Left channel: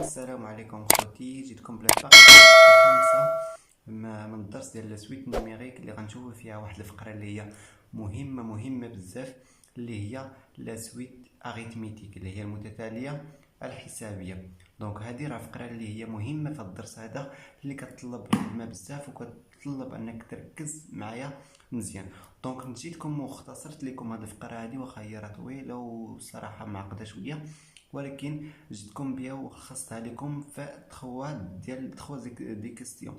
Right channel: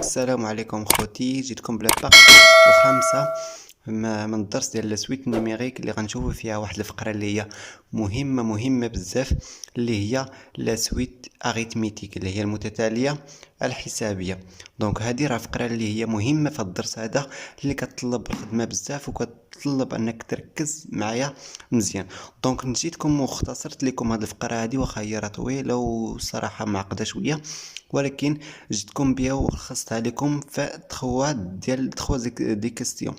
السلام عليكم خوتي، جيتكم بلا بارتي الخامسة من الدرس ديال لاسويت نيميريك اللي غنشوفو فيها واحد الفقرة اللي هي مهمة بزاف، اللي هي لاسويت اريتميتيك اللي هي المتتالية الحسابية. دونك هذه راه فقرة اللي هي مهمة في الدرس هذا، اللي كتطلب الخدمة بزاف وكتطلب انك تركز معايا مزيان. دونك نسيتكم واختصرت لكم هذه الفقرة هذه، واخا هي راه طويلة وصراحة معقدة شوية، ولكن جيتكم بها ولخصتها لكم في تخوا دي كيستيون.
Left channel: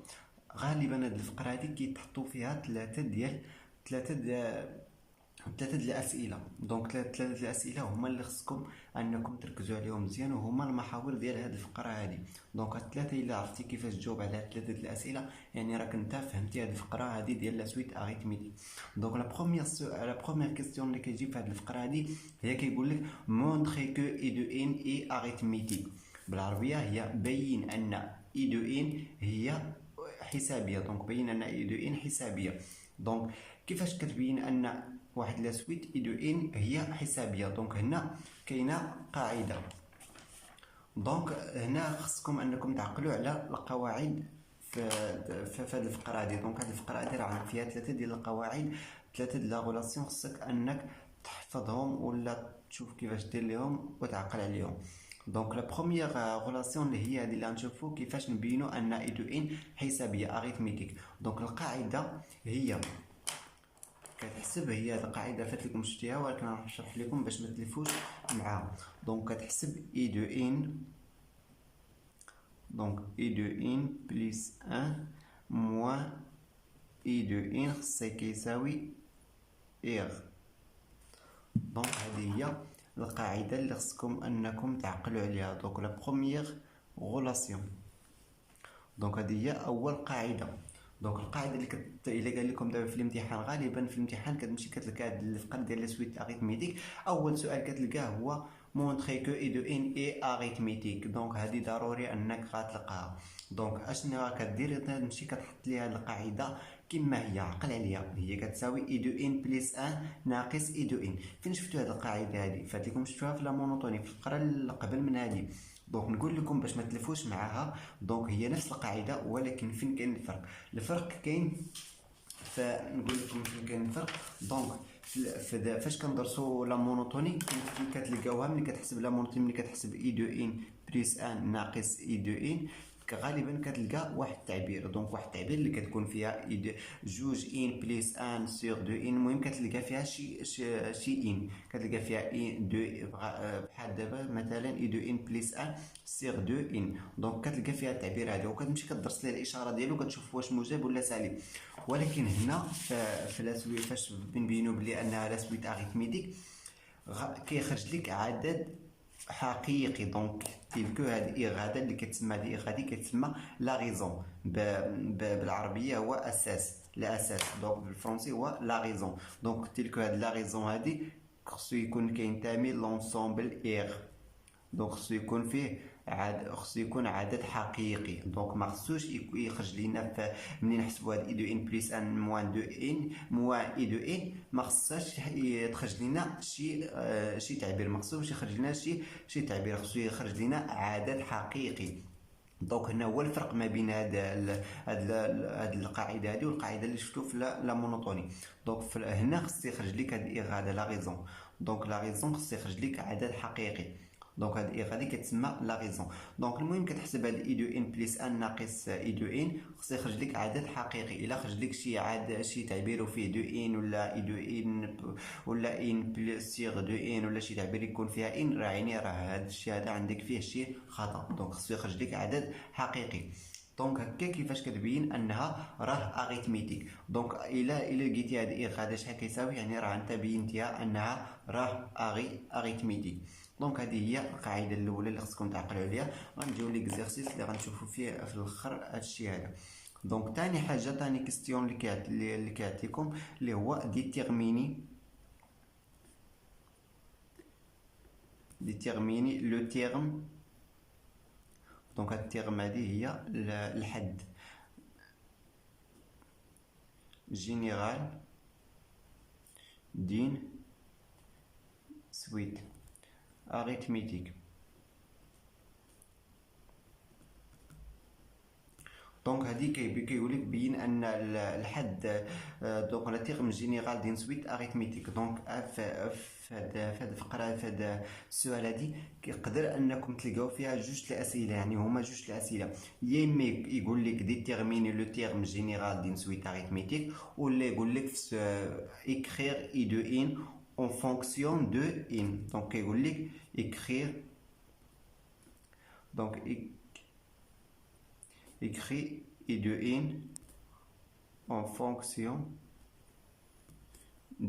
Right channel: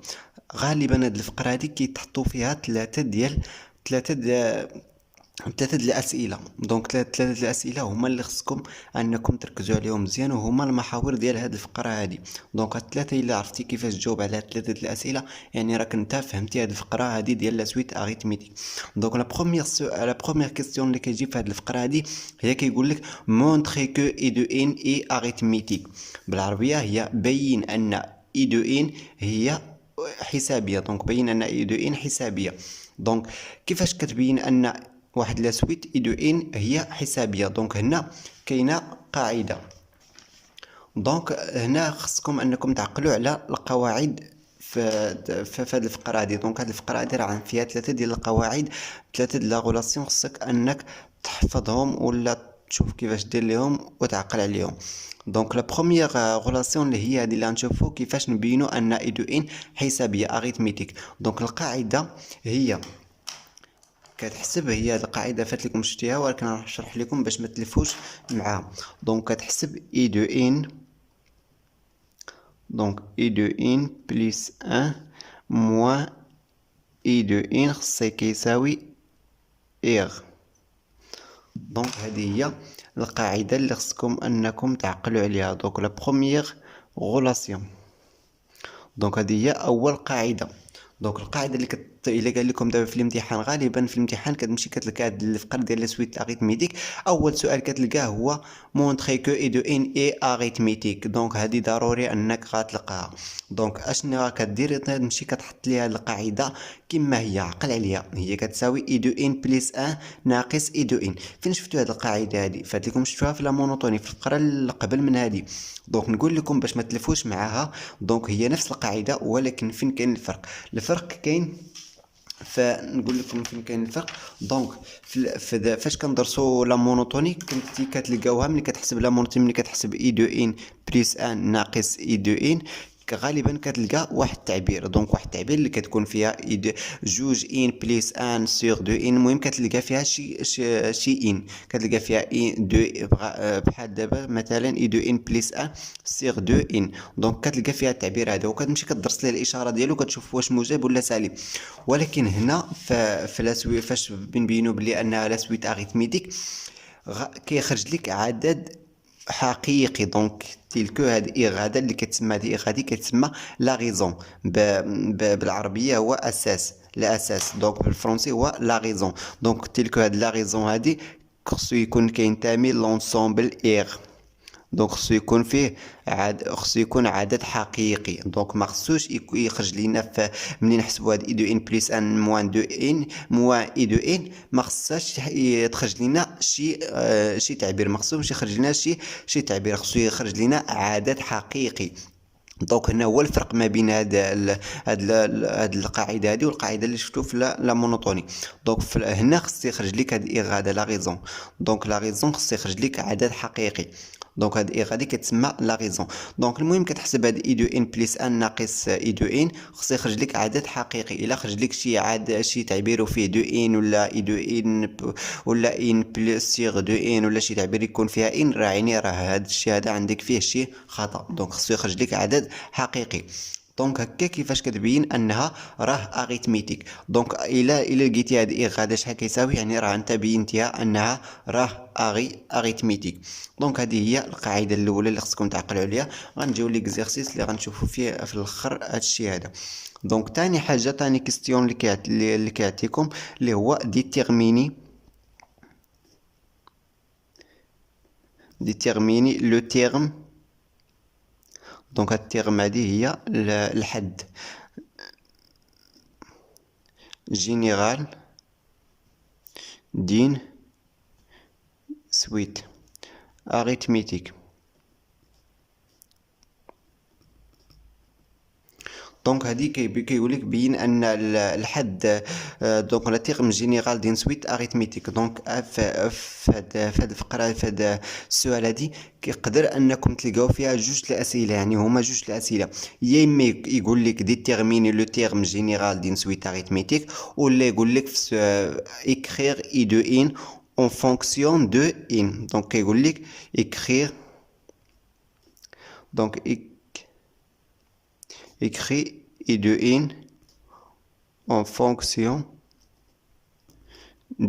غالبا هاد الفقره هادي كيتحطوا فيها ثلاثه د الاسئله. دونك ثلاثه د الاسئله هما اللي خصكم انكم تركزوا عليهم مزيان، وهما المحاور ديال هاد الفقره هادي. دونك هاد الثلاثه الا عرفتي كيفاش تجاوب على هاد ثلاثه د الاسئله، يعني راك انت فهمتي هاد الفقره هادي ديال لا سويت اريتميتيك. دونك لا بروميير كيستيون اللي كيجي في هاد الفقره هادي هي كيقول لك مونطري كو اي دو ان اي اريتميتيك. بالعربيه هي بين ان اي دو ان هي حسابيه. دونك بين ان اي دو ان حسابيه. دونك كيفاش كتبين ان واحد لا سويت اي دو ان هي حسابيه؟ دونك هنا كاينه قاعده. دونك هنا خصكم انكم تعقلوا على القواعد في هذه الفقره هذه. دونك هذه الفقره هذه راه فيها ثلاثه ديال القواعد، ثلاثه ديال لا غولاسيون، خصك انك تحفظهم ولا تشوف كيفاش دير ليهم وتعقل عليهم. دونك لا بروميير غولاسيون اللي هي هذه اللي غنشوفوا كيفاش نبينوا ان اي دو ان حسابيه اريتميتيك. دونك القاعده هي كتحسب، هي هاد القاعده فات لكم شفتيها، ولكن راح نشرح لكم باش ما تلفوش معاها. دونك كتحسب اي دو ان، دونك اي دو ان بلس ان موان اي دو ان خصو كيساوي ايغ. دونك هذه هي القاعده اللي خصكم انكم تعقلوا عليها. دونك لا بروميير غولاسيون، دونك هذه هي اول قاعده. دونك القاعده اللي الا قال لكم دابا في الامتحان، غالبا في الامتحان كتمشي كتلقى هاد الفقره ديال لا سويت اريتميتيك، اول سؤال كتلقاه هو مونطري كو اي دو ان اي اريتميتيك. دونك هذه ضروري انك غتلقاها. دونك اشنو كدير؟ تمشي كتحط ليها القاعده كما هي، عقل عليها، هي كتساوي اي دو ان بلس ان ناقص اي دو ان. فين شفتوا هذه القاعده هذه؟ فات لكم شفتوها في لا مونوتوني في الفقره اللي قبل من هذه. دونك نقول لكم باش ما تلفوش معاها. دونك هي نفس القاعده، ولكن فين كاين الفرق؟ الفرق كاين، فنقول لكم فين كاين الفرق. دونك فاش كندرسوا لا مونوتوني كنتي كتلقاوها ملي كتحسب لا مونوتوني، ملي كتحسب اي دو ان بلس ان ناقص اي دو ان، غالبا كتلقى واحد التعبير. دونك واحد التعبير اللي كتكون فيها اي دو جوج ان بلس ان سور دو ان، المهم كتلقى فيها شي ان، كتلقى فيها ان دو، بحال دابا مثلا اي دو ان بلس ان سور دو ان. دونك كتلقى فيها التعبير هذا، وكتمشي كدرس ليه الاشاره ديالو كتشوف واش موجب ولا سالب. ولكن هنا في لا سويت فاش بنبينوا بلي انها لا سويت اريتميتيك كيخرج لك عدد حقيقي. دونك تلك هاد ايغ، هذا اللي كتسمى هاد ايغ هادي كتسمى لا ريزون. بالعربيه هو اساس، لا اساس. دونك بالفرنسي هو لا ريزون. دونك تلك هاد لا ريزون هادي خصو يكون كينتمي لونسومبل ايغ. دونك خصو يكون عدد حقيقي. دونك ما خصوش يخرج لينا منين نحسبوا هاد اي دو ان بلس ان موان دو ان موان اي دو ان، ما خصهاش تخرج لينا شي تعبير، ما خصوش يخرج لنا شي تعبير، خصو يخرج لينا عدد حقيقي. دونك هنا هو الفرق ما بين هاد القاعده هذه والقاعده اللي شفتو في لا مونوتوني. دونك هنا خص يخرج لك هاد الايغ هذا لا ريزون. دونك لا ريزون خص يخرج لك عدد حقيقي. دونك هاد الايغ هادي كتسمى لا ريزون. دونك المهم كتحسب هاد اي دو ان بلس ان ناقص اي دو ان، خص يخرج لك عدد حقيقي. الا خرج لك شي تعبير فيه دو ان ولا اي دو ان ولا ان بلس سيغ دو ان، ولا شي تعبير يكون فيها ان، راه يعني راه هاد الشيء هذا عندك فيه شي خطا. دونك خصو يخرج لك عدد حقيقي. دونك هكا كيفاش كتبين انها راه اريتميتيك. دونك الا لقيتي هاد ايغ هذا شحال كيساوي، يعني راه انت بينتيها انها راه اريتميتيك. دونك هذه هي القاعده الاولى اللي خصكم تعقلوا عليها. غنجيو ليكزيرسيس اللي غنشوفوا فيه في الاخر هادشي هذا. دونك تاني حاجه، تاني كيستيون اللي كيعطيكم اللي هو ديتيرميني لو تيرم. دونك هاد التيرم هادي هي الحد جينيرال دين سويت اريتميتيك. دونك هادي كيقول لك بين ان الحد دونك لا تيرم جينيرال دين سويت اريثميتيك. دونك فهاد الفقره، فهاد السؤال هادي كيقدر انكم تلقاو فيها جوج الاسئله، يعني هما جوج الاسئله، يا اما يقول لك ديتيرميني لو تيرم جينيرال دين سويت اريثميتيك، ولا يقول لك écrire i de in en fonction de in. دونك كيقول لك écrire، donc écrit i de in en fonction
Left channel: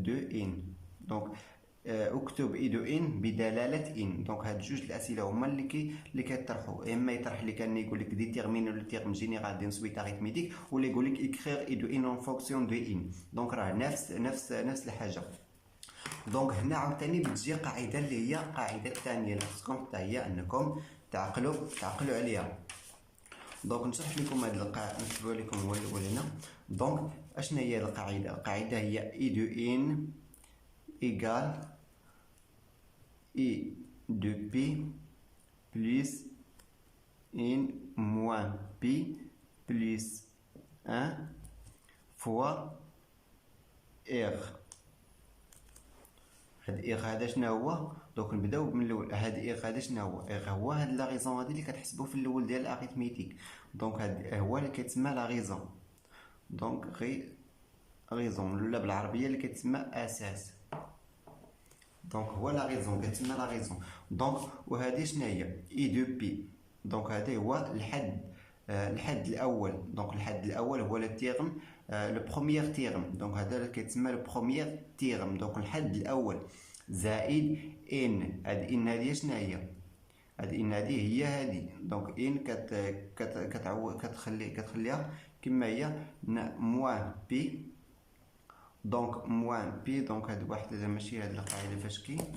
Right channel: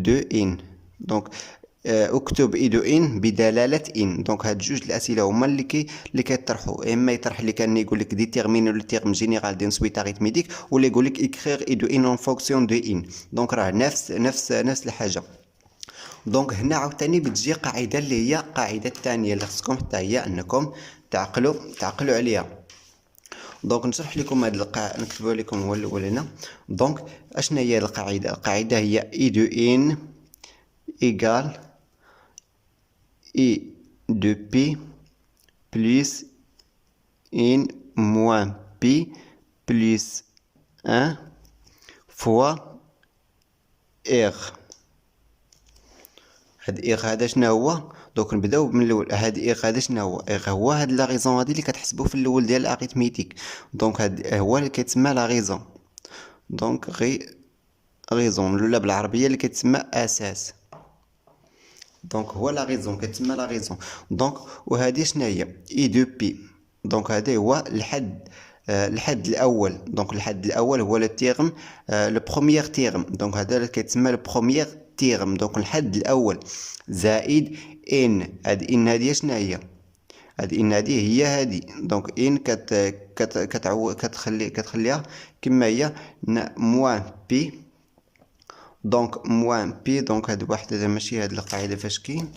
de in. donc اكتب i de in بدلالة in. دونك هاد جوج الاسئله هما اللي كيطرحوا، اما يطرح لك كان يقول لك ديتيرميني لو تيرم جينيرال دين سويت اريثميتيك، ولا يقول لك écrire i de in en fonction de in. دونك راه نفس الحاجه. دونك هنا عاوتاني بتجي قاعده اللي هي قاعده الثانيه اللي خصكم حتى هي انكم تعقلوا عليها. دونك نشرح لكم هاد القاعده، نكتبها لكم هو الاول هنا. دونك اشنا هي القاعده؟ القاعده هي اي دو ان ايغال اي دو بي بلس ان موان بي بلس ان فوا ار. هاد ايغ هذا شنو هو؟ دونك نبداو من الاول. هاد ايغ هذا شنو هو؟ ايغ هو هاد لا ريزون هادي اللي كتحسبوا في الاول ديال الاريثميتيك. دونك هاد هو اللي كيتسمى لا ريزون. دونك ريزون ولا بالعربيه اللي كتسمى اساس. دونك هو لا ريزون، كتسمى لا ريزون. دونك وهادي شنو هي؟ اي دو بي. دونك هذا هو الحد الاول. دونك الحد الاول هو لو تيرم، لو بروميير تيرم. دونك هذا اللي كيتسمى لو بروميير تيرم. دونك الحد الاول زائد ان. هاد ان هادي شنو هي؟ هاد ان هادي هي هادي. دونك ان كتخليها كما هي موان بي. دونك موان بي. دونك هاد واحد هذا ماشي هاد القاعده فاش كاين،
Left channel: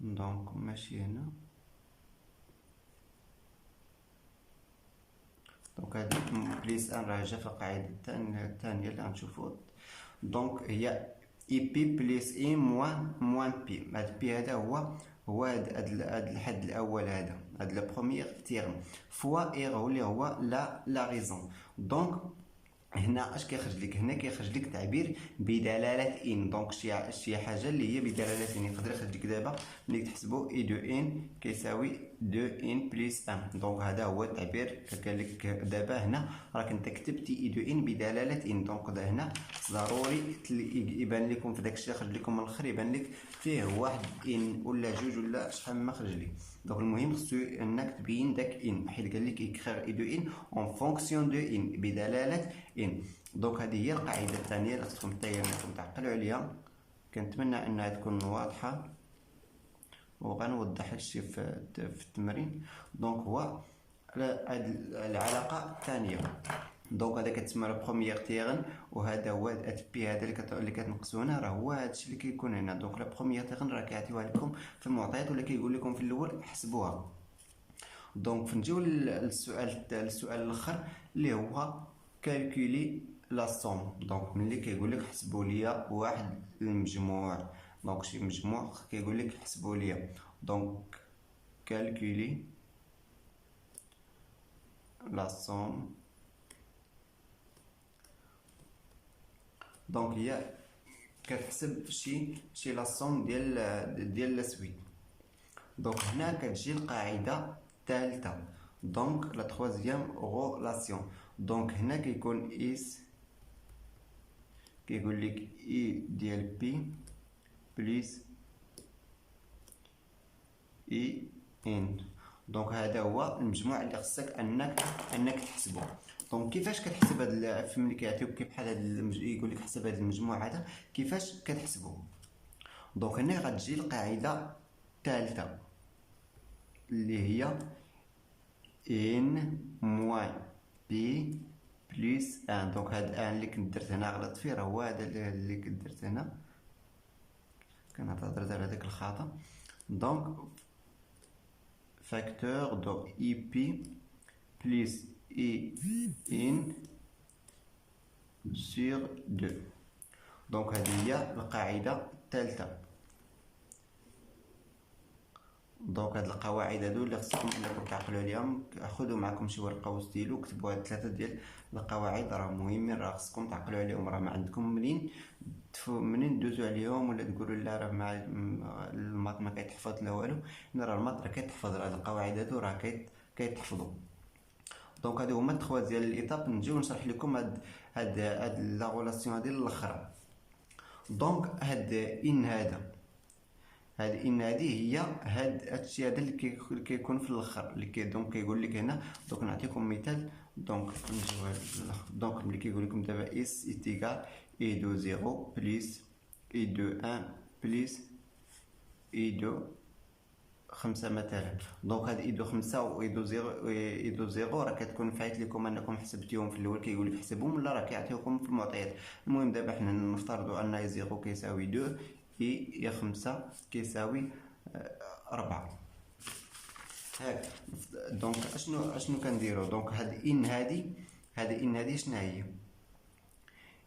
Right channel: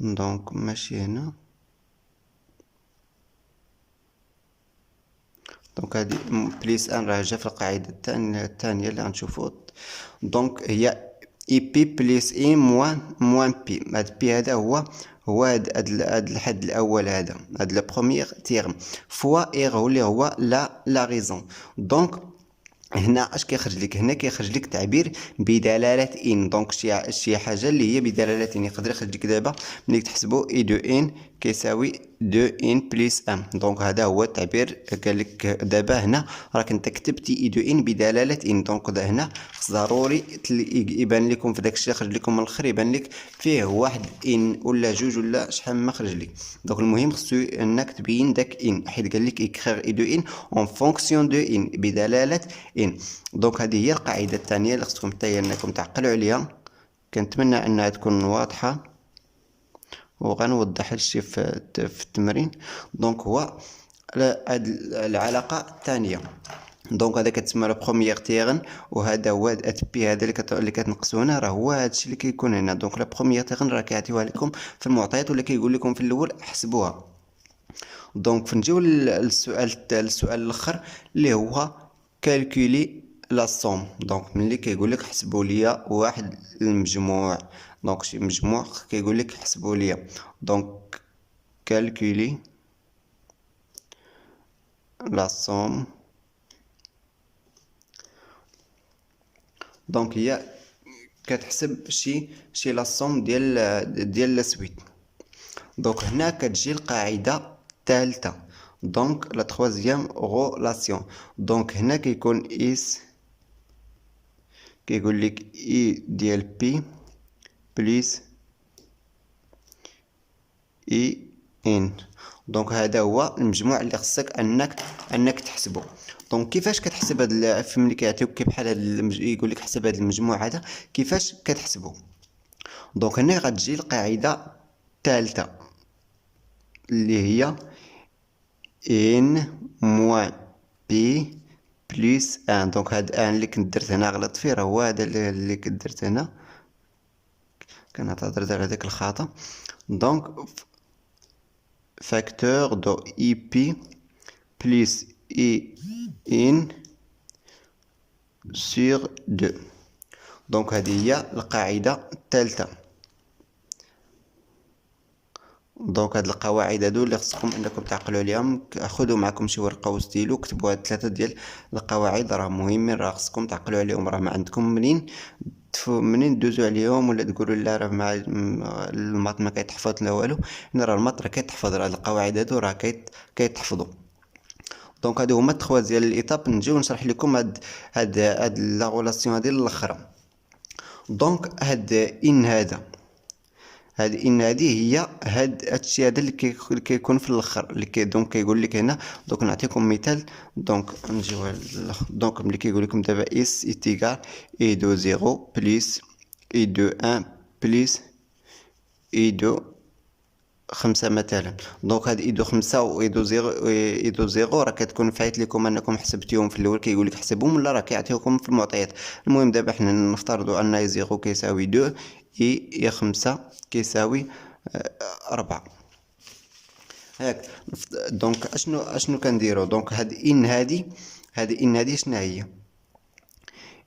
دونك ماشي هنا. دونك هادي بليس ان راه جا في القاعده الثانيه اللي غنشوفو. دونك هي اي بي بليس اي موان بي. هاد بي هذا هو هاد الحد الاول، هاد لو بروميير تيرم فوا اير هو اللي هو لا ريزون. دونك هنا اش كيخرج لك؟ هنا كيخرج لك تعبير بدلاله ان. دونك شي حاجه اللي هي بدلاله ان. يقدر يخرج لك دابا ملي تحسبوا اي دو ان كيساوي دو ان بلس ان. دونك هذا هو التعبير. قال لك دابا هنا راك انت كتبتي اي دو ان بدلاله ان. دونك هنا خص ضروري يبان لكم في داكشي اللي خرج لكم من الاخر، يبان لك فيه واحد ان ولا جوج ولا شحال ما خرج لك. دونك المهم خصو انك تبين داك ان، حيت قال لك اكريغ اي دو ان اون فونكسيون دو ان بدلاله ان. دونك هذه هي القاعده الثانيه اللي خصكم حتى هي انكم تعقلوا عليها. كنتمنى انها تكون واضحه، وغنوضح هادشي في التمرين. دونك هو هاد العلاقه الثانيه. دونك هذا كتسمى لو بروميير تيرن، وهذا هو بي هذا اللي كتنقصو هنا، راه هو هادشي اللي كيكون هنا. دونك لا بروميير تيرن راه كيعطيوها لكم في المعطيات، ولا كيقول لكم في الاول حسبوها. دونك فنجيو للسؤال الاخر اللي هو كالكولي لا سوم. دونك ملي كيقول لك حسبوا لي واحد المجموع، دونك شي مجموع كيقول لك حسبوا لي. دونك كالكولي لا سوم. دونك هي كتحسب شي لا سوم ديال لا سويت. دونك هنا كتجي القاعده الثالثه، دونك لا تروازيام غولاسيون. دونك هنا كيكون اس كيقول لك اي ديال بي بلس اي ان. دونك هذا هو المجموع اللي خصك انك تحسبه. دونك كيفاش كتحسب هاد ملي كيعطيوك كي بحال هاد يقول لك حسب هاد المجموع هذا كيفاش كتحسبه؟ دونك هنا غتجي القاعده الثالثه اللي هي ان موان بي بلس ان. دونك هاد ان اللي كنت درت هنا غلط فيه، راه هو هذا اللي كنت درت هنا، كنعتذر على داك الخطا. دونك facteur de IP plus I in sur 2. دونك هذه هي القاعدة الثالثة. دونك هاد القواعد هادو اللي خصكم انكم تعقلوا عليهم. خذوا معكم شي ورقه وستيلو، كتبوا هاد 3 ديال القواعد، راه مهمين، راه خصكم تعقلوا عليهم. راه ما عندكم منين دوزوا عليهم ولا تقولوا لا راه مع الماط ما كيتحفظ لا والو. راه الماط راه كيتحفظ، راه القواعد هادو راه كيتحفظوا. دونك هادو هما 3 ديال الايطاب. نجيو نشرح لكم هاد لا غولاسيون هادي الاخرى. دونك هاد ان هاد ان هادي هي هادشي هذا اللي كيكون في الاخر، اللي دونك كيقول لك هنا. دونك نعطيكم مثال. دونك نجيو دونك ملي كيقول لكم دابا اس ايتيغال اي دو 0 بليس اي دو 1 بليس اي دو 5 مثلا. دونك هاد اي دو 5 و اي دو 0 اي دو 0 راه كتكون فايت لكم انكم حسبتيهم في الاول، كيقول لك حسبهم ولا راه كيعطيوكم في المعطيات. المهم دابا حنا نفترضوا ان اي 0 كيساوي 2 اي 5 كيساوي 4. هاك. دونك اشنو كنديرو؟ دونك هاد ان هادي شنو هي؟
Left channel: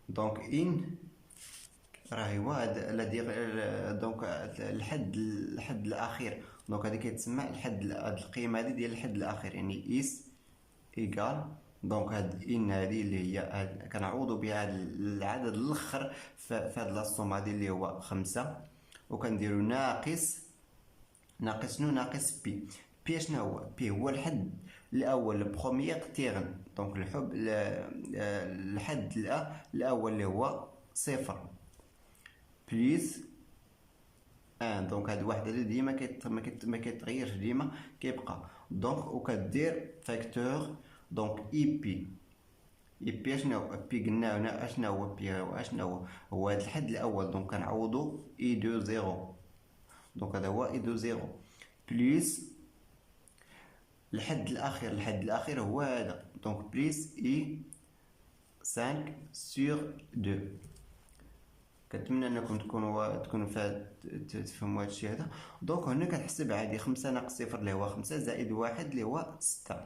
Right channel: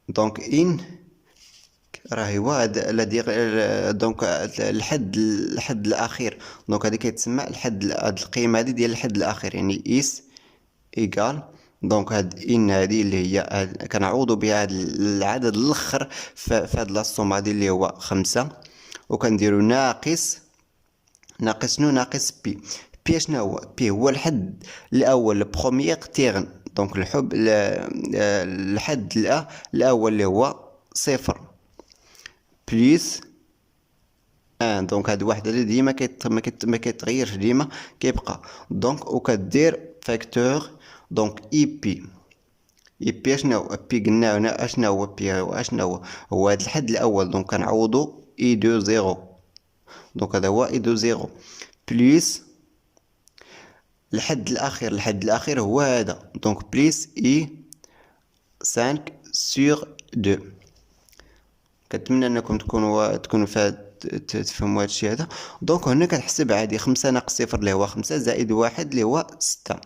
دونك ان راه هو هاد دونك الحد الاخير. دونك هادي كيتسمى هاد القيمه هادي ديال الحد الاخير، يعني اس ايكال. دونك هاد ان هادي اللي هي كنعوضو بها هاد العدد الاخر في هاد لاصوم هادي اللي هو 5، وكنديرو ناقص شنو؟ ناقص بي. بي شنو هو؟ بي هو الحد الاول، البروميير تيرن. دونك الحد الاول اللي هو صفر بليس ان. دونك هاد واحد اللي ديما ما كيتغيرش، ديما كيبقى. دونك وكدير فاكتور. دونك اي بي شنو هو؟ بي قلنا هنا اشنو هو؟ بي هو اشنو هو هاد الحد الاول. دونك كنعوضو اي دو زيرو. دونك هذا هو اي دو زيرو بليس الحد الاخير هو هذا. دونك بليس اي 5 سور 2. كنتمنى انكم تكونوا تفهموا هذا الشيء هذا. دونك هنا كنحسب عادي 5 ناقص 0 اللي هو 5 زائد 1 اللي هو 6.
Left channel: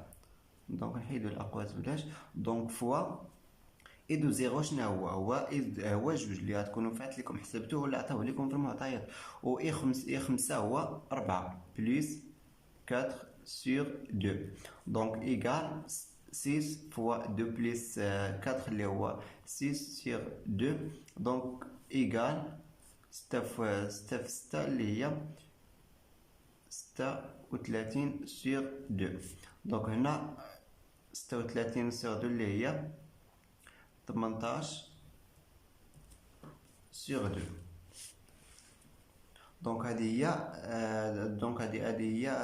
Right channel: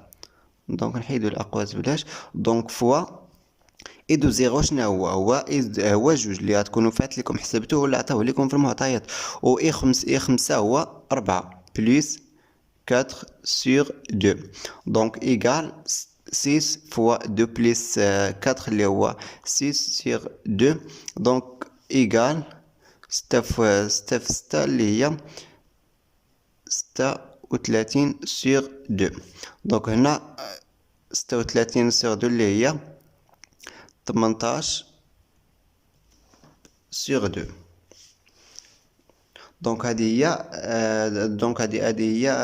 دونك نحيدو الاقواس بلاش. دونك فوا اي دو زيرو شنو هو جوج اللي غتكونوا فات لكم حسبتوه ولا عطاوه لكم في المعطيات. و اي 5 هو 4 بليس 4 sur 2. Donc égale 6 fois 2 plus 4 اللي هو 6 sur 2. Donc égale 6 fois 6 في 6 اللي هي 36 sur 2. دونك هنا 36 sur 2 اللي هي 18 sur 2. دونك هذه هي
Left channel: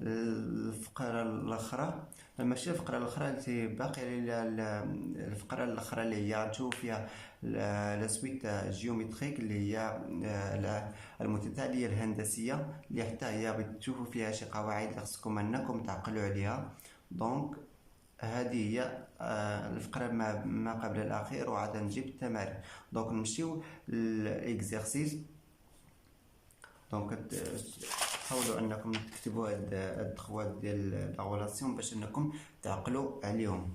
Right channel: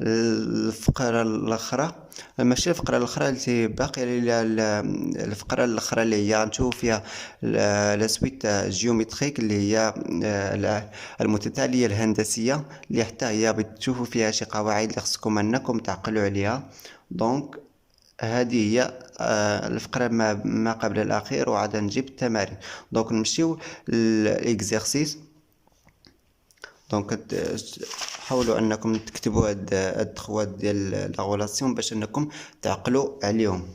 الفقرة الأخرى. ماشي الفقرة الأخرى اللي باقية، الفقرة الأخرى اللي هي غنشوفو فيها لا سويت جيومتريك اللي هي المتتالية الهندسية، اللي حتى هي بتشوفوا فيها شي قواعد اللي خصكم أنكم تعقلوا عليها. دونك هذه هي الفقرة ما قبل الأخير، وعاد نجيب التمارين. دونك نمشيو للإكزارسيس. دونك حاولوا انكم تكتبوا هاد الخوات ديال لا غولاسيون باش انكم تعقلوا عليهم.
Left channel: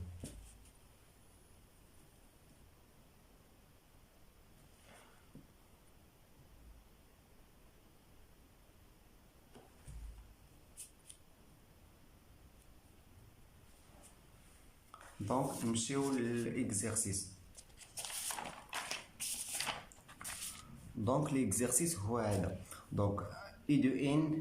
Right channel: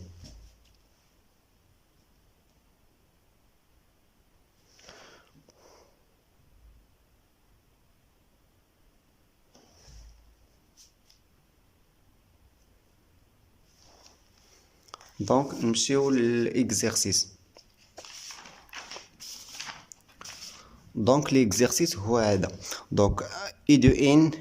دونك نمشيو للاكزارسيس. دونك l'exercice هو هذا. دونك I de n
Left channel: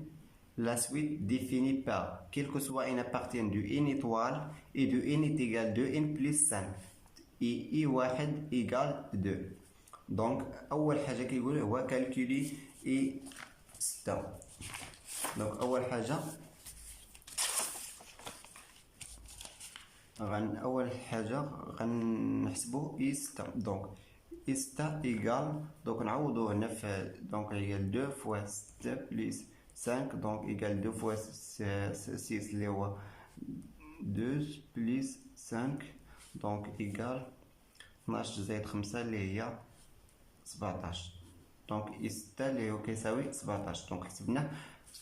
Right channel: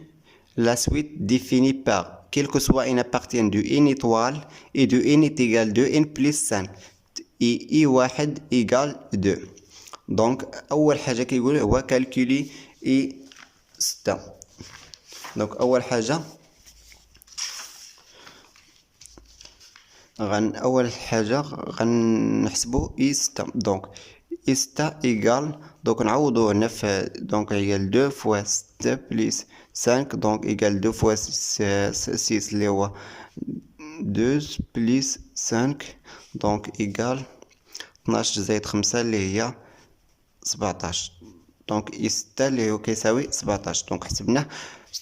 la suite définie par quel que soit n appartient de n étoile et de n est égal de n plus 5 et i1 égale 2. دونك اول حاجه كيقول هو كالكولي i 6. دونك اول حاجه غنحسبو i 6. دونك i 6 égale. دونك نعوضو هنا في دونك égale 2 fois 6 plus 5. دونك égale 2 fois 6 اللي هو 2 plus 5. دونك égale 12 زائد 5 اللي هي 17. دونك i 6 اللي هو كيساوي 17. دونك حسبناه.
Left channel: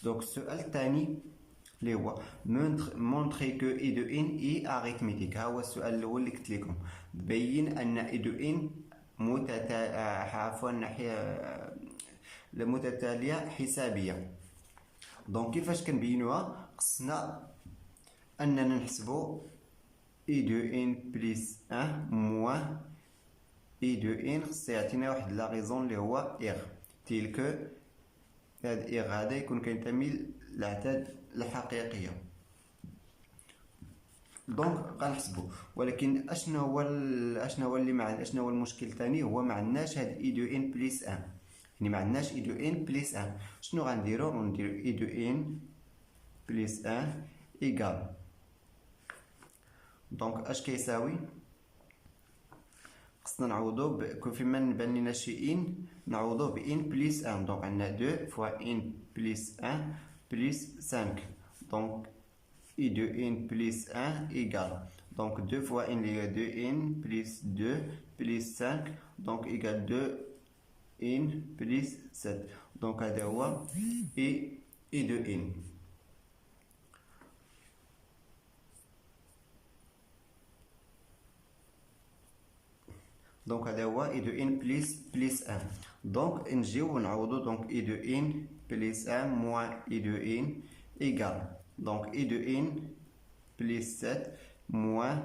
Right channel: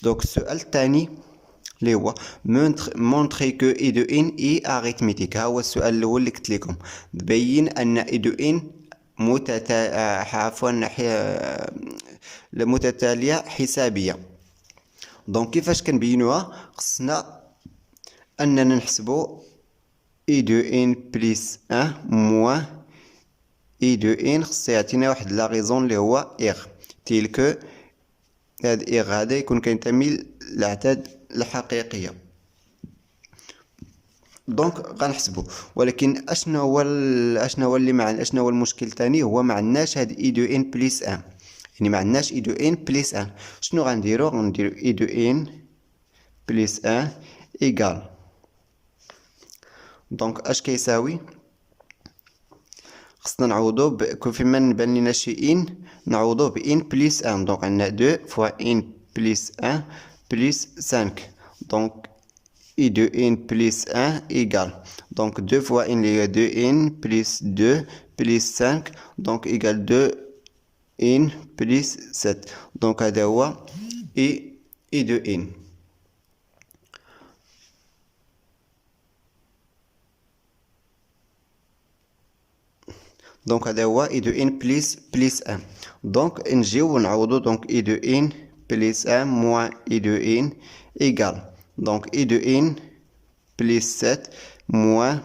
دونك السؤال الثاني اللي هو مونطري كو اي دو ان اي اريثميتيك. ها هو السؤال الاول اللي قلت لكم، تبين ان اي دو ان متتاليه حسابيه. دونك كيفاش كنبينوها؟ خصنا اننا نحسبو اي دو ان بليس ان موان اي دو ان، خص يعطينا واحد لا غيزون اللي هو اغ، تيلكو هاد اغ هذا يكون كينتمي للاعداد الحقيقيه. دونك غنحسبو، ولكن اشنو هو اللي مع اشنو هو المشكل تاني؟ هو ما عندناش هاد اي دو ان بليس ان، يعني ما عندناش اي دو ان بليس ان. شنو غنديرو؟ غنديرو اي دو ان بليس ان ايكال، دونك اش كيساوي؟ خصنا نعوضو فيما نبان لينا شي ان نعوضوه ب ان بليس ان. دونك عندنا دو فوا ان بليس ان بليس سانك، دونك اي دو ان بليس ان ايكال، دونك دو فوا ان اللي هي دو ان بليس دو بليس سانك، دونك ايكال دو ان بليس سات. دونك هذا هو اي دو ان. دونك هذا هو اي دو ان بليس ان. دونك نجيو نعوضو، دونك اي دو ان بليس ان موان اي دو ان ايكال، دونك اي دو ان بليس سات موان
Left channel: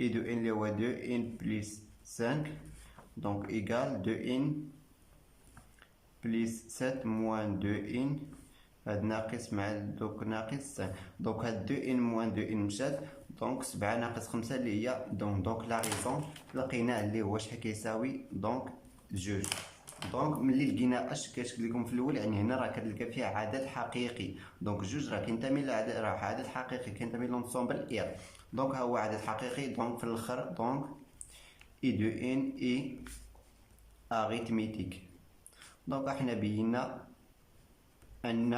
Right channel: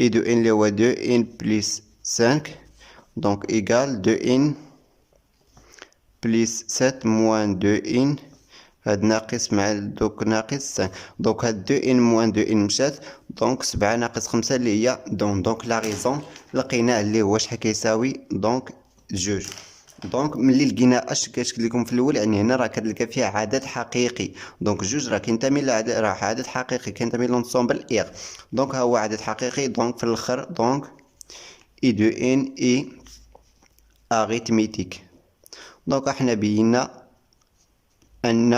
اي دو ان اللي هو دو ان بليس سانك، دونك ايكال دو ان بليس سات موان دو ان، هاد ناقص مع دوك ناقص 5، دونك هاد دو ان موان دو ان مشات، دونك 7 ناقص 5 اللي هي دونك لا غيزون لقيناه اللي هو شحال كيساوي، دونك جوج. دونك ملي لقينا اش كيشكل لكم في الاول، يعني هنا راه كتلقى فيها عدد حقيقي، دونك جوج راه كينتمي لعدد، راه عدد حقيقي كينتمي لونسومبل ايغ، دونك ها هو عدد حقيقي. دونك في الاخر دونك اي دو ان اي اريتميتيك. دونك احنا بينا ان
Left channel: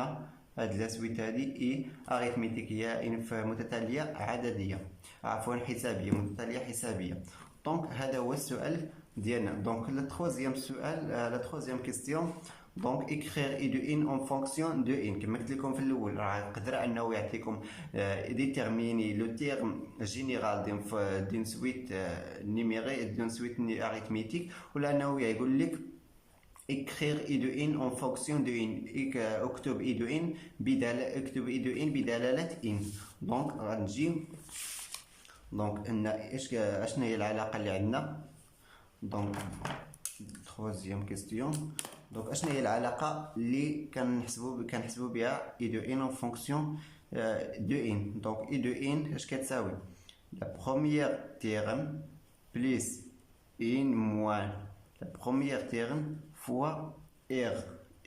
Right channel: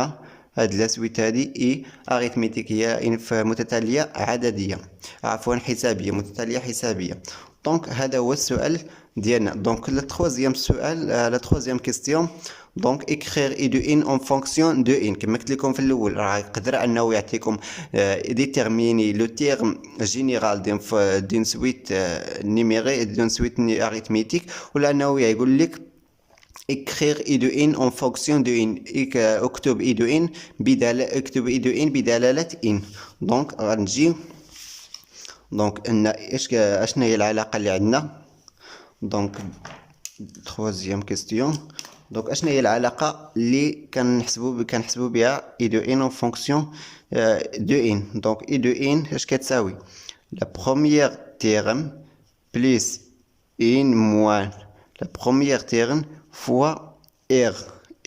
هاد لاسويت هادي اي اريتميتيك، هي متتاليه عدديه، عفوا حسابيه، متتاليه حسابيه. دونك هذا هو السؤال ديالنا. دونك لا تروازيام سؤال، لا تروازيام كيستيون، دونك اكرير اي دو ان اون فونكسيون دو ان. كما قلت لكم في الاول راه يقدر انه يعطيكم ديتيرميني لو تيرم جينيرال دين سويت نيميري دون سويت اريتميتيك، ولا انه يقول لك écrire i de n en fonction de n. اكتب i de n اكتب i de n بدلالة n. دونك غنجي، دونك ان اشنا هي العلاقة اللي عندنا؟ دونك troisième question. دونك اشنا هي العلاقة اللي كنحسبو بها i de n en fonction de n؟ دونك i de n اش كتساوي؟ la première terme plus n moins la première terme fois R.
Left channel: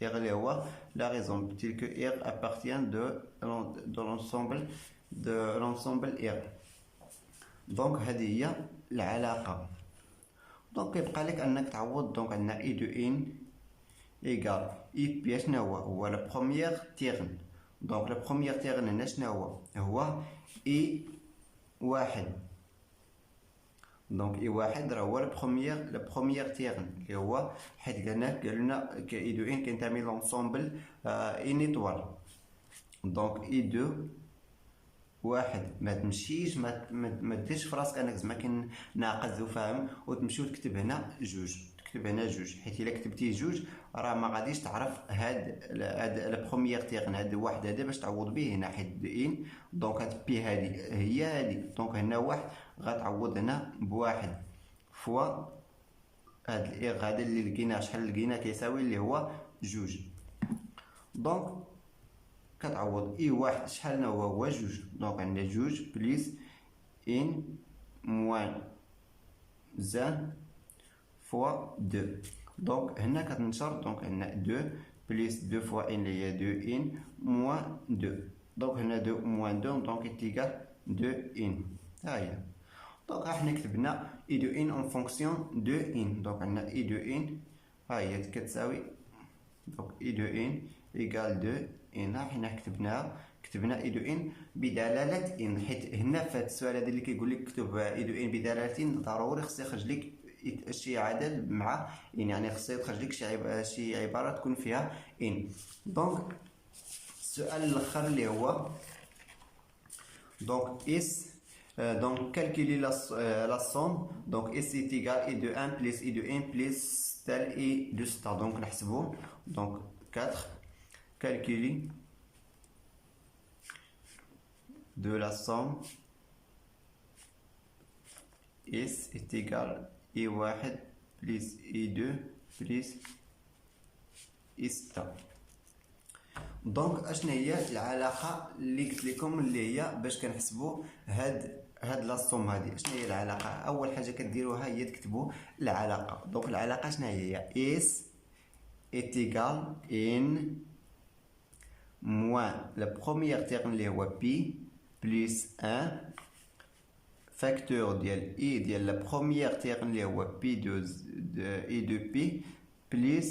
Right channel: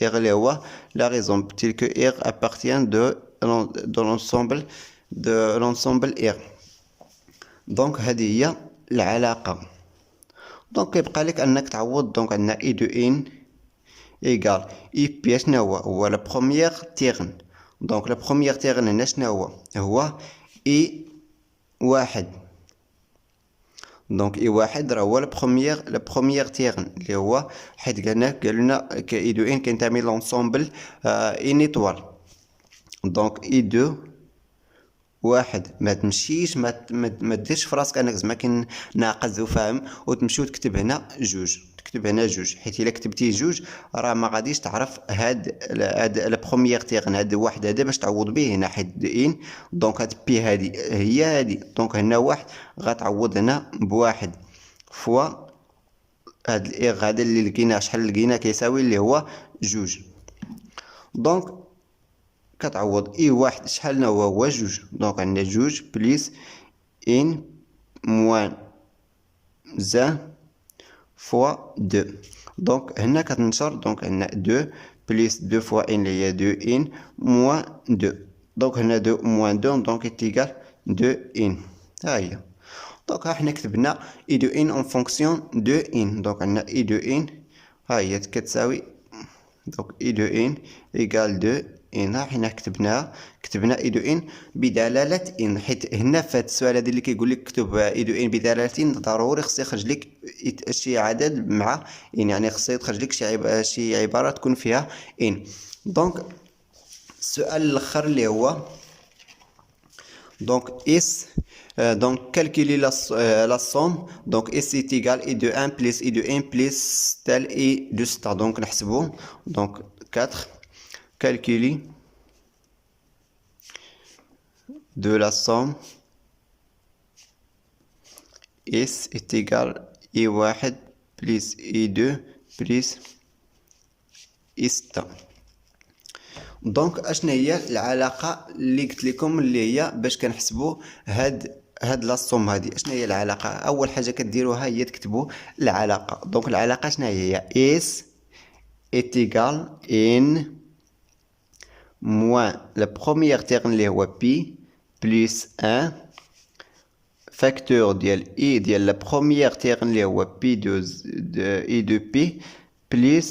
R اللي هو la raison telle que R appartient de l'ensemble R. دونك هذه هي العلاقة. دونك كيبقى لك انك تعوض. دونك عندنا اي دو ان ايكال اي بي شنو هو لا بروميير تيرن. دونك لا بروميير تيرن هنا شنو هو اي واحد. دونك اي واحد راه هو لا بروميير تيرن اللي هو حيت قالنا اي دو ان كينتمي لونسومبل ان ايطوال. دونك اي دو واحد ما تمشيش ما ديرش في راسك انك زعما كي ناقص وفاهم وتمشي وتكتب هنا جوج، تكتب هنا جوج، حيت الا كتبتي جوج راه ما غاديش تعرف هاد لا بروميير تيرن هاد واحد هذا باش تعوض به هنا، حيت ان دونك هاد بي هادي هي هادي، دونك هنا واحد غتعوض هنا بواحد فوا هاد الايغ هذا اللي لقيناه شحال لقينا كيساوي اللي هو جوج. دونك كتعوض اي واحد شحال هو جوج، دونك عندنا جوج بليس ان موان زان فوا دو. دونك هنا كتنشر، دونك عندنا دو بليس دو فوا ان اللي هي دو ان موان دو، دونك هنا دو موان دو دونك تيكال دو ان. ها هي. دونك ها حنا كتبنا اي دو ان اون فونكسيون دو ان. دونك عندنا اي دو ان ها هي كتساوي، دونك اي دو ان ايكال دو ان. ها حنا كتبنا اي دو ان بدلالة ان، حيت هنا في هاد السؤال هذا اللي كيقول لك كتب اي دو ان بدلالة ان ضروري خص يخرج لك شي عدد مع ان، يعني خص يخرج لك شي عبارة تكون فيها ان. دونك السؤال الاخر اللي هو دونك اس donc calculer la somme. Donc S est égal I de 1 plus I de 1 plus tel I de star. Donc نحسبو. Donc 4 calculer de la somme S est égal I1 plus I2 plus I6. دونك اشنا هي العلاقه اللي قلت لكم اللي هي باش كنحسبوا هاد لاصوم هادي؟ اشنا هي العلاقه؟ اول حاجه كديروها هي تكتبوا العلاقه. دونك العلاقه شنو هي؟ اس est égal n moins la première terme اللي هو pi plus 1 facteur ديال i ديال la première terme اللي هو pi de i de pi plus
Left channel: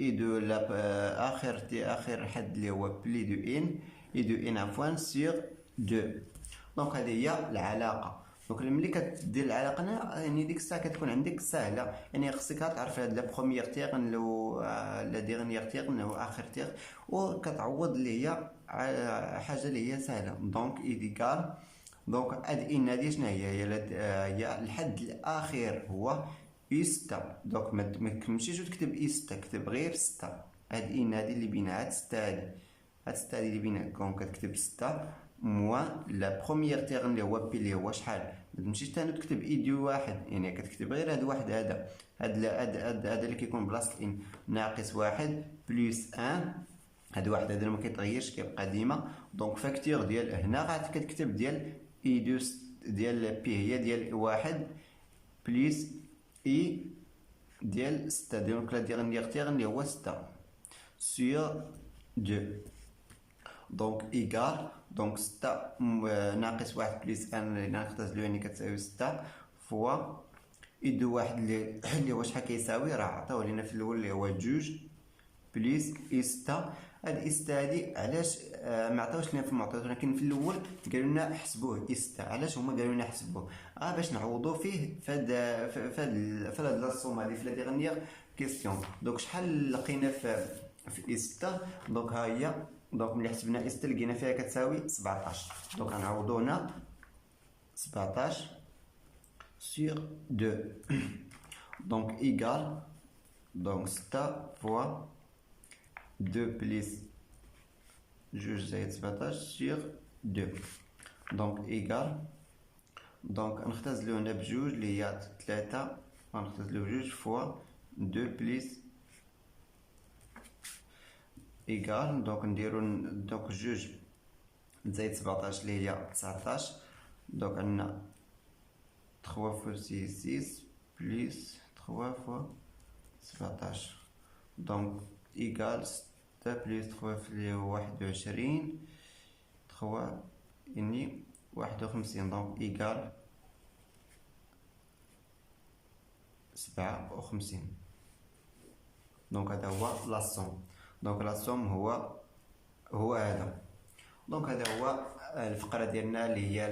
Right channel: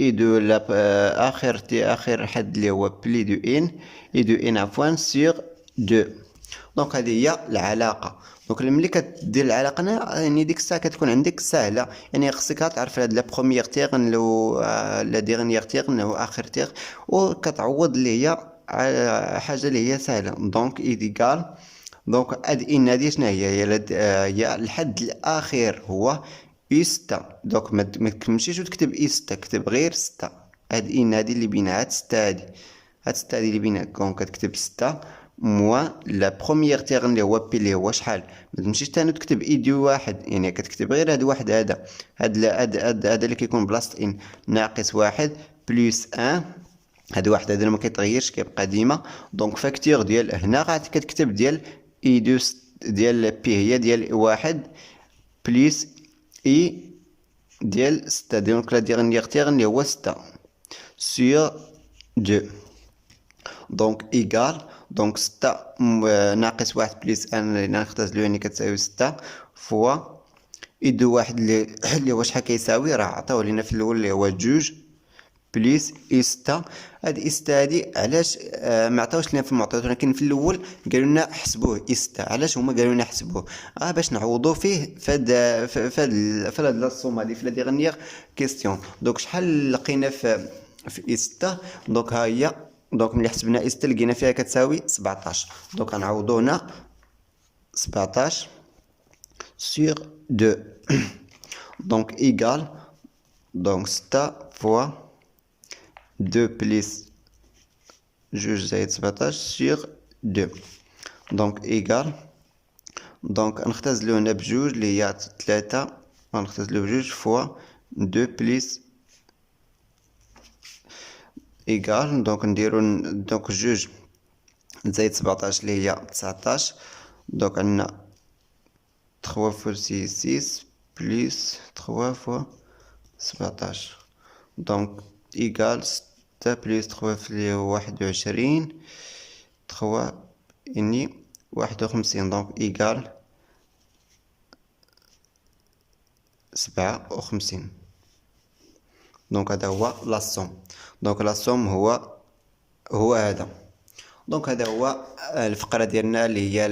et de la آخر حد اللي هو بلي دو ان اي دو ان عفوا سور 2. دونك هذه هي العلاقه. دونك ملي كدير العلاقه هنا يعني ديك الساعه كتكون عندك سهله، يعني خصك تعرف هاد لا بروميير تيغن لو لا ديرنيير تيغن او اخر تيغ، وكتعوض اللي هي على حاجه اللي هي سهله. دونك ايديكال دونك هاد ان هادي شنو هي الحد الاخير هو اي 6. دونك ما تمشيش وتكتب اي 6، كتب غير 6. هاد ان هادي اللي بينها هاد 6 هادي اللي بينها، دونك كتكتب 6 موان لا بروميير تيرن اللي هو بي اللي هو شحال. ما تمشيش تاني تكتب اي دي واحد، يعني كتكتب غير هاد واحد هذا اللي كيكون بلاصه ان ناقص واحد بلس ان. هاد واحد هذا ما كيتغيرش كيبقى ديما. دونك فاكتور ديال هنا غادي كتكتب ديال اي دو ديال بي هي ديال واحد بلس اي ديال 6. دونك لا ديرنيير تيرن اللي هو 6 سور 2. دونك ايكال دونك 6 ناقص واحد بلس ان اللي نختزلو يعني كتساوي 6 فوا اي دو واحد اللي هو شحال كيساوي، راه عطاوه لينا في الاول اللي هو جوج بليس اي 6. هاد اي 6 هادي علاش ما عطاوش لينا في المعطيات، ولكن في الاول قالوا لنا حسبوه اي 6. علاش هما قالوا لنا حسبوه؟ باش نعوضوا فيه فهاد لاصوم هادي في لا ديغنيير كيستيون. دونك شحال لقينا في اي 6؟ دونك ها هي. دونك ملي حسبنا اي 6 لقينا فيها كتساوي 17. دونك غنعوضو هنا 17 sur 2. دونك ايكال دونك 6 فوا 2 بلس جوج زائد 17 سور 2. دونك ايكال دونك نختزلو هنا بجوج اللي هي 3، غنختزلو بجوج فوا 2 بلس ايكال دونك نديرو دونك جوج زائد 17 اللي هي 19. دونك عندنا 3 فوا 6 6 بلس 3 فوا 17. دونك ايكال 6 بلس 3 اللي هو 21 3 يعني 51. دونك ايكال 57. دونك هذا هو لاصوم. دونك لاصوم هو هذا. دونك هذا هو الفقره ديالنا اللي هي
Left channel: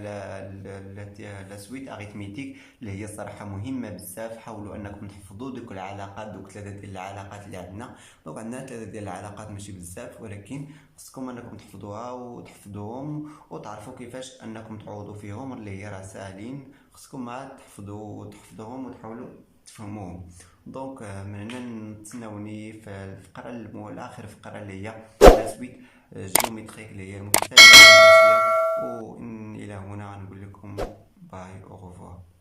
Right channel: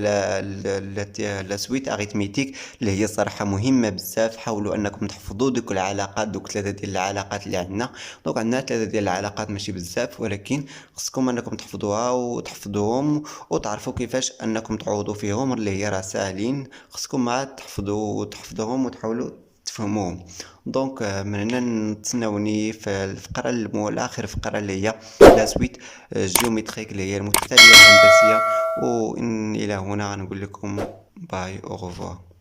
لا سويت اريثميتيك، اللي هي صراحه مهمه بزاف. حاولوا انكم تحفظوا دوك العلاقات، دوك 3 ديال العلاقات اللي عندنا. دونك عندنا 3 ديال العلاقات ماشي بزاف، ولكن خصكم انكم تحفظوها وتحفظوهم وتعرفوا كيفاش انكم تعوضوا فيهم، اللي هي راه ساهلين. خصكم مع تحفظوهم وتحاولوا تفهموهم. دونك من هنا نتسناوني في الفقره الاخر، فقره اللي هي لا سويت جيومتريك اللي هي المتتاليه الهندسيه. وان الى هنا غنقول لكم باي او revoir.